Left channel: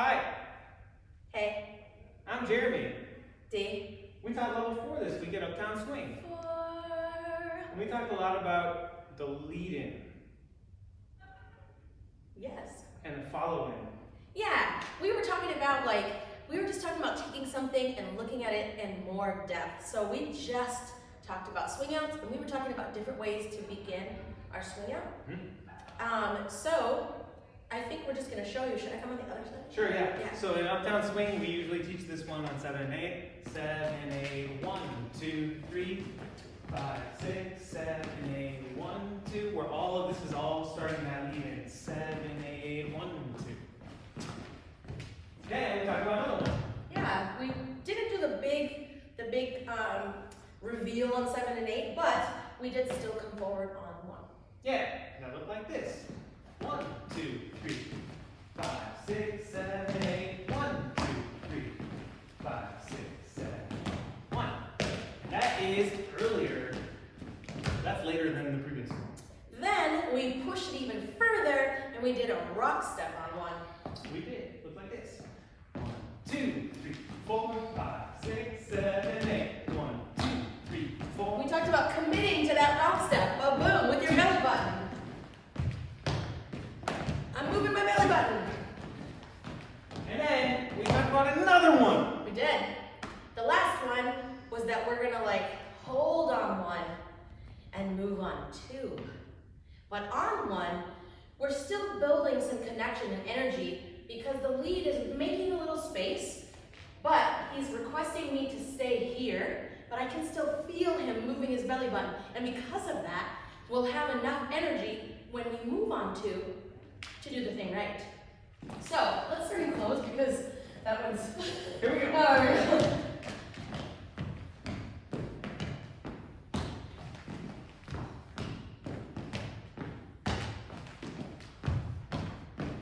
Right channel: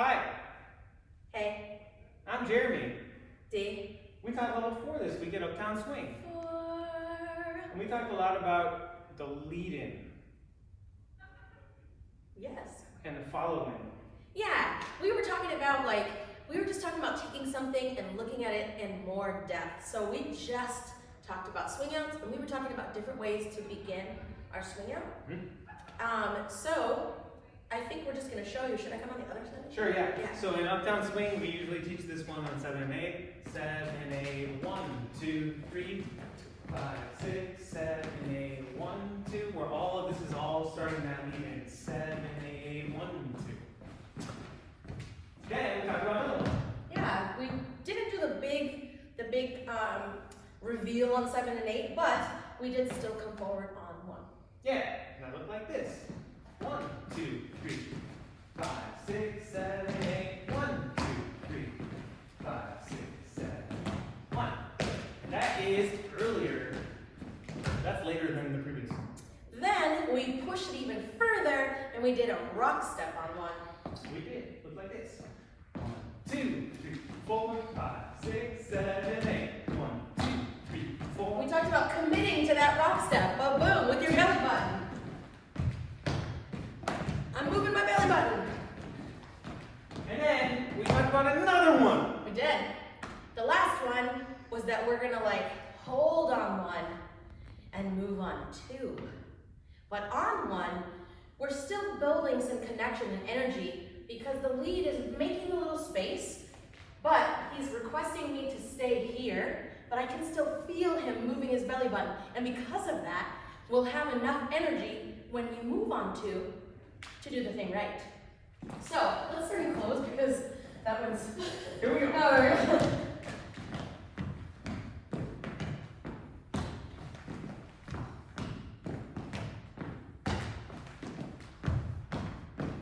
Hi, Hey. I'm Jeremy. D. We taught level 4 this week at Uptown Swing. 4. And we talked a lot about the lead-in Yes. and the follow-in. Yeah, we were talking about we were just talking about taking something and looking at it in more depth. So we just talked about swing outs, and we were talking about different ways to begin our swing out. So I think we're just gonna show you. Should I come on the other side? Sure, yeah. Yeah. So in Uptown Swing, we usually teach this one on 7 and 8. 7, 8, 1, 2, 3, 5, 6, 7, 8, 1, 2. Where all of this is all starting that lead-in. 7, 8, 1, 2. Then we talked about another one. Yeah, we didn't do the big reveal on 7 and 8, but we did still come forward on 1. Yeah, that looked like this. 1, 2, 3, 5, 6, 7, 8. 1, 2, 3, 5, 6, 7, 1. That is earlier. That's later than the previous one. Then we pushed it even further, and we did a rock step on 1. We did. Look like this. 1, 2, 3, 4, 5, 6, 7, 8. 1, 2, 3, 4. We talked about committing to that rock step. Boom, boom, with your belly button. I'm moving my belly button. And then we talked about another one. We did. The last one was that we're gonna hold on 1 and move on 2. But on 1, we're still building some connection and energy because the lead is making a little space, but he's requesting me to stay here, but I can still feel him moving his belly button. And because of that, we'll have enough energy when we move on 2 to do the thing right. So let's turn and close because that one's. Here we go. Oh, here we go.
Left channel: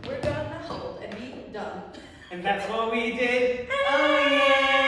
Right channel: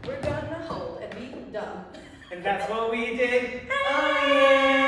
We're gonna hold and be done. And that's what we did. Oh yeah!